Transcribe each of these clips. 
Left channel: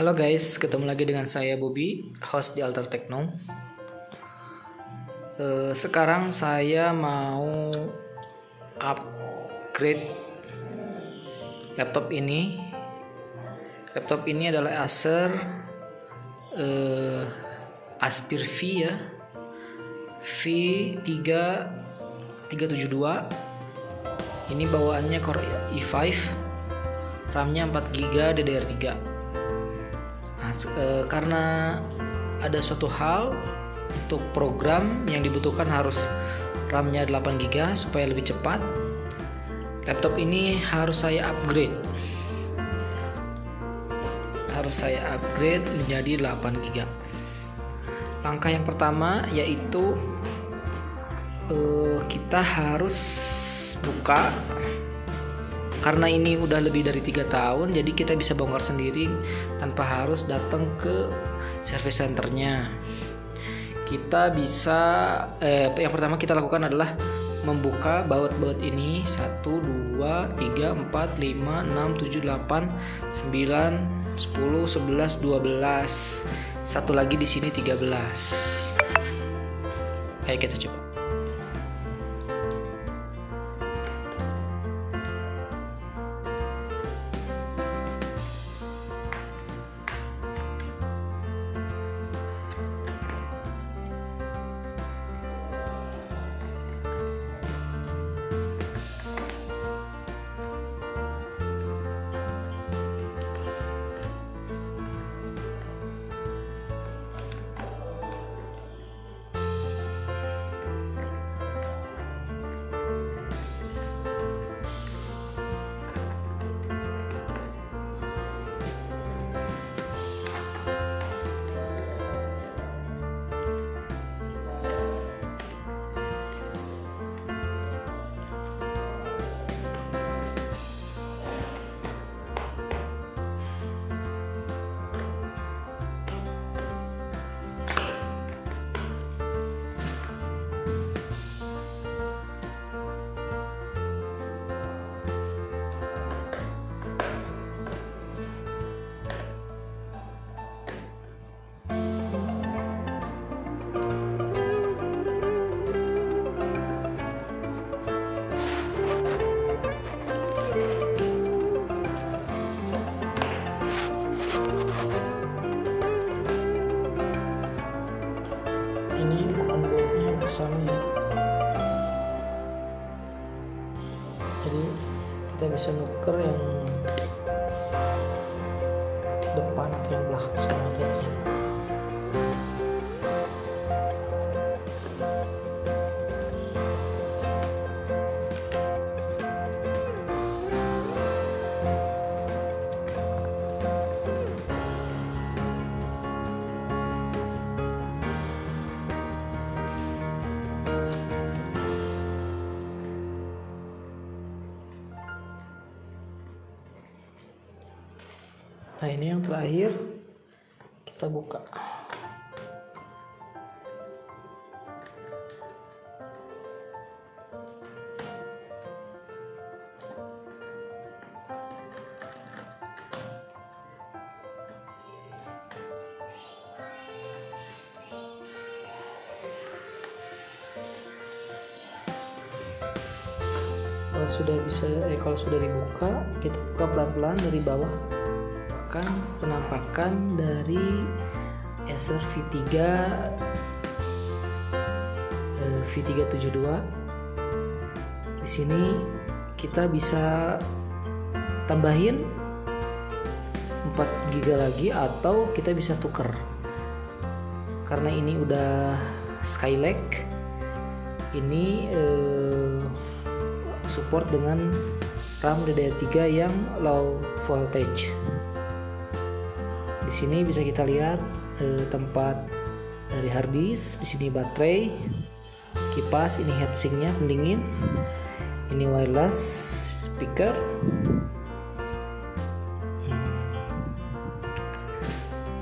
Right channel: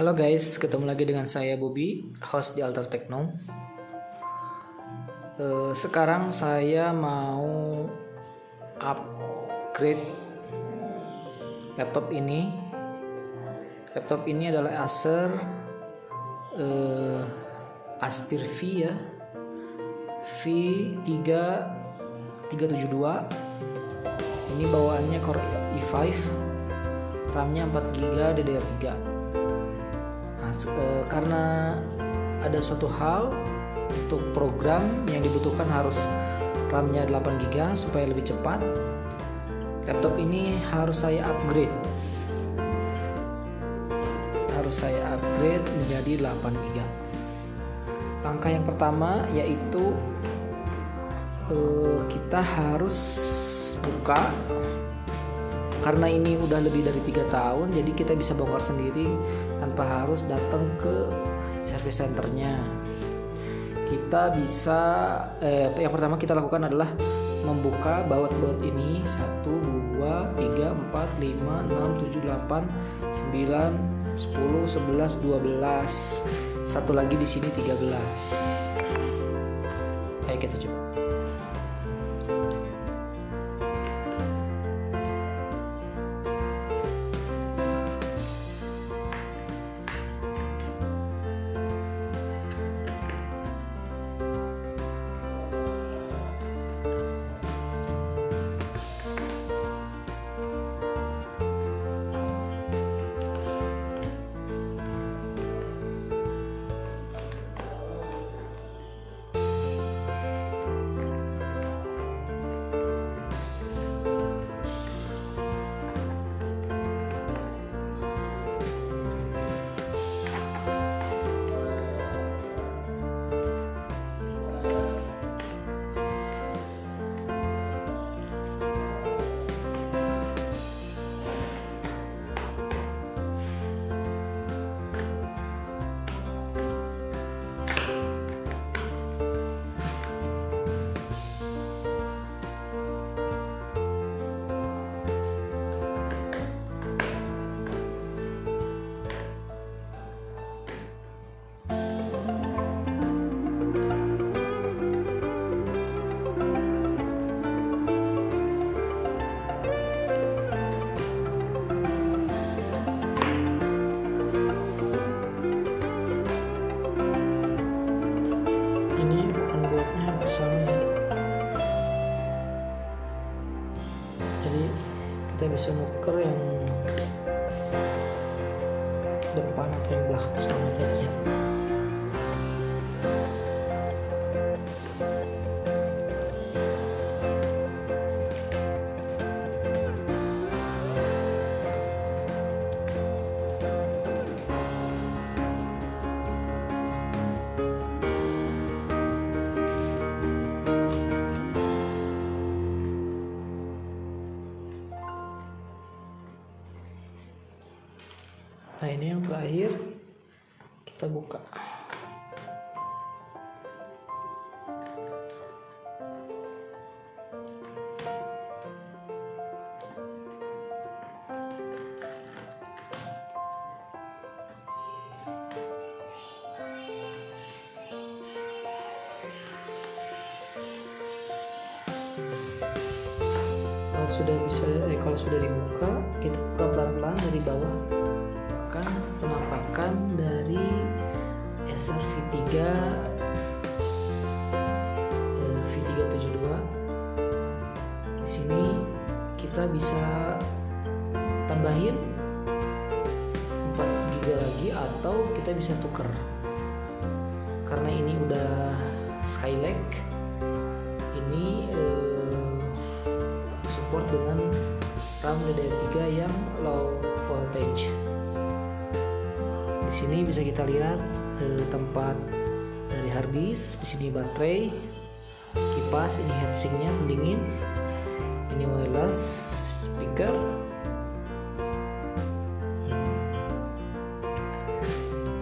Halo guys, ketemu lagi dengan saya Bobby, host di Alter Techno. Sekarang saya mau upgrade laptop ini. Laptop ini adalah Acer Aspire V ya, V372. Ini bawaannya Core i5, RAM-nya 4GB DDR3. Nah, karena ada suatu hal untuk program yang dibutuhkan harus RAM-nya 8GB supaya lebih cepat, laptop ini harus saya upgrade. Menjadi 8GB. Langkah yang pertama yaitu kita harus buka. Karena ini udah lebih dari 3 tahun, jadi kita bisa bongkar sendiri tanpa harus datang ke service centernya. Kita bisa yang pertama kita lakukan adalah membuka baut-baut ini 1, 2, 3, 4, 5, 6, 7, 8, 9, 10, 11, 12. Satu lagi di sini 13. Ayo kita coba. Ini bukan bautnya hampir sama ya, jadi kita bisa nuker yang depan atau yang belakang sama aja ya. Nah, ini yang terakhir kita buka. Kalau sudah dibuka, kita buka pelan-pelan dari bawah. Penampakan dari Acer V372. Di sini kita bisa tambahin 4GB lagi atau kita bisa tuker. Karena ini udah Skylake, ini support dengan RAM DDR3 yang low voltage. Di sini bisa kita lihat tempat dari harddisk, di sini baterai, kipas, ini heatsinknya pendingin, ini wireless speaker.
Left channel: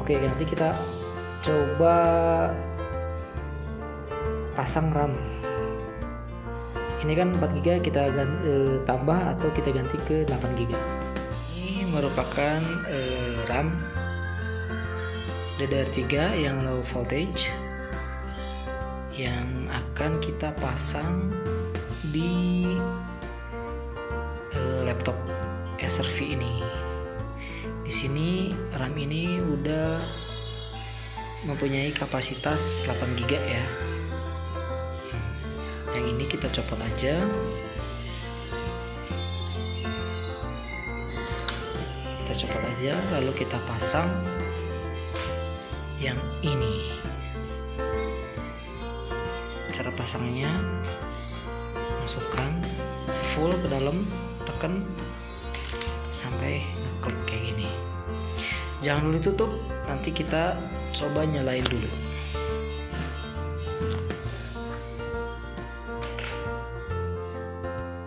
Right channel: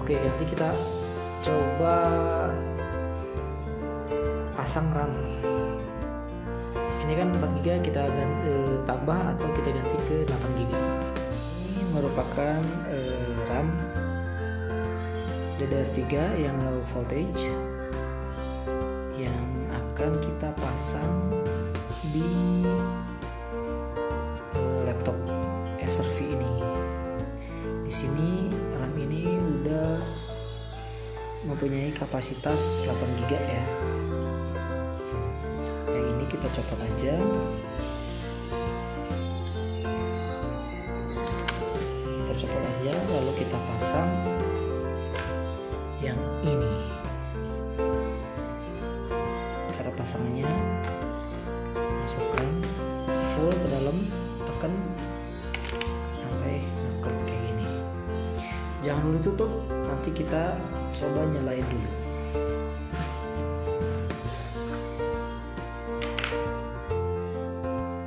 Oke, nanti kita coba pasang RAM. Ini kan 4GB, kita tambah atau kita ganti ke 8GB. Ini merupakan RAM DDR3 yang low voltage yang akan kita pasang di laptop SRV ini. Di sini RAM ini udah mempunyai kapasitas 8 GB ya. Yang ini kita copot aja. Kita copot aja, lalu kita pasang yang ini. Cara pasangnya, masukkan full ke dalam, tekan sampai ngeklik kayak gini. Jangan dulu tutup, nanti kita coba nyalain dulu.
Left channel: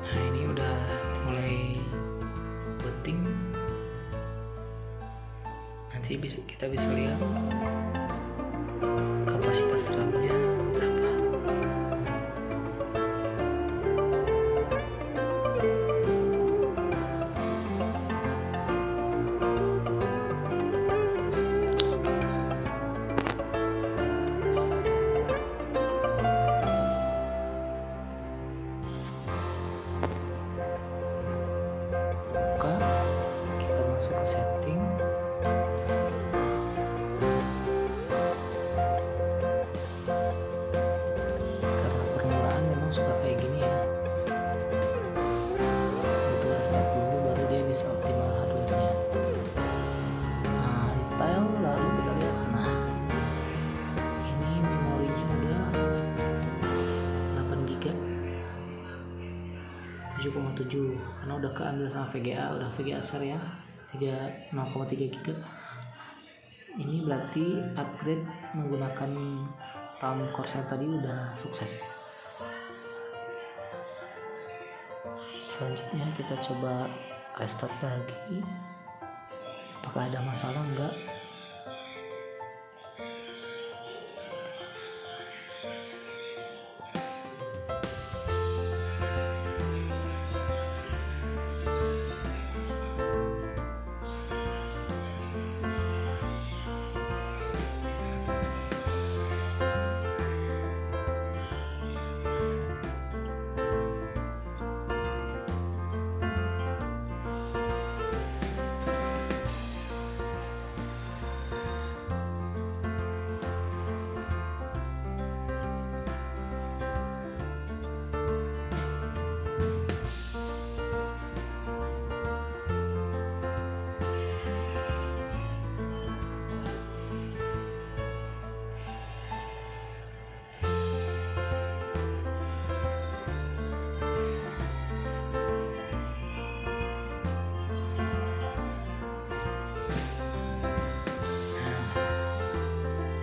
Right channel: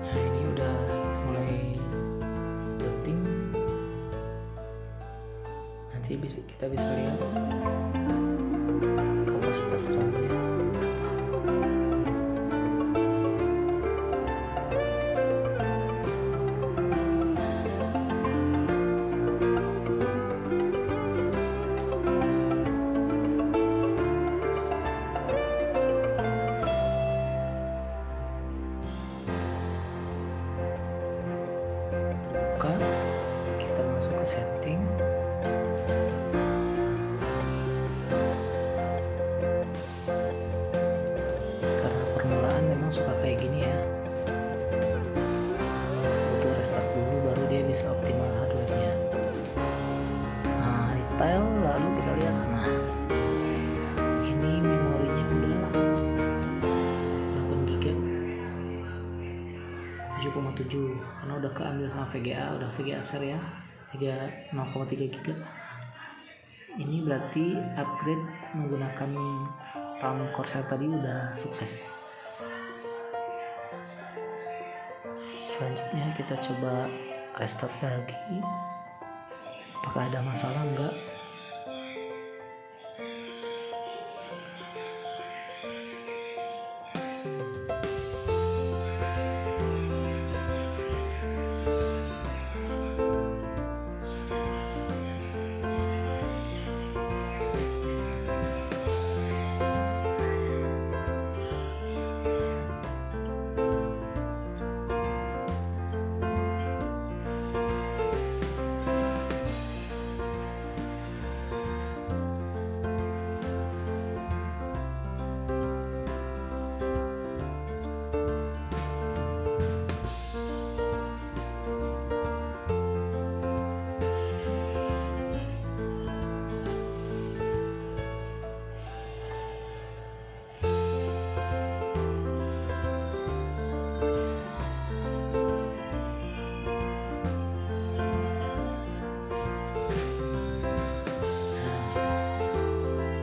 Nah, ini udah mulai booting. Nanti kita bisa lihat kapasitas RAM-nya berapa. Buka, kita masuk ke setting. Karena permulaan memang suka kayak gini ya, butuh restart dulu baru dia bisa optimal hardware-nya. Nah, detail, lalu kita lihat. Nah, ini memorinya udah 8 GB, 7,7 karena udah keambil sama VGA, udah VGA share ya, 0,3 GB. Ini berarti upgrade menggunakan RAM Corsair tadi udah sukses. Selanjutnya kita coba restart lagi, apakah ada masalah enggak.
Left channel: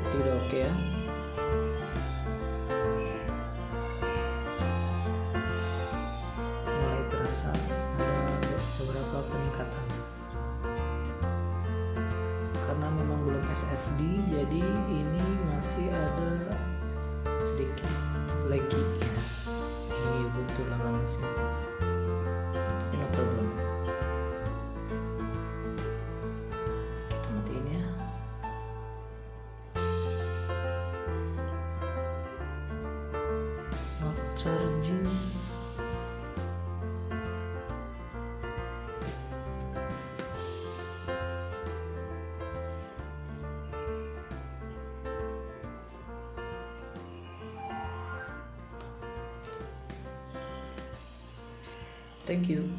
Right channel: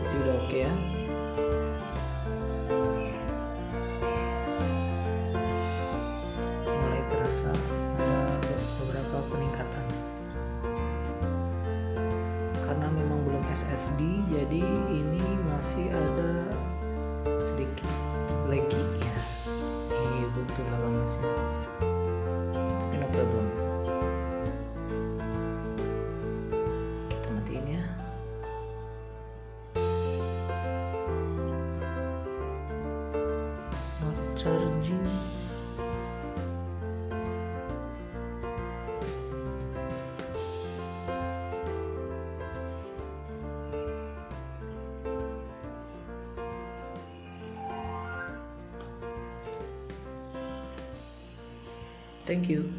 Itu udah oke ya. Mulai terasa ada beberapa peningkatan. Karena memang belum SSD, jadi ini masih ada sedikit lagi ya. Ini Ubuntu 18 ini. Tapi no problem. Kita matiin ya. Charging. Thank you.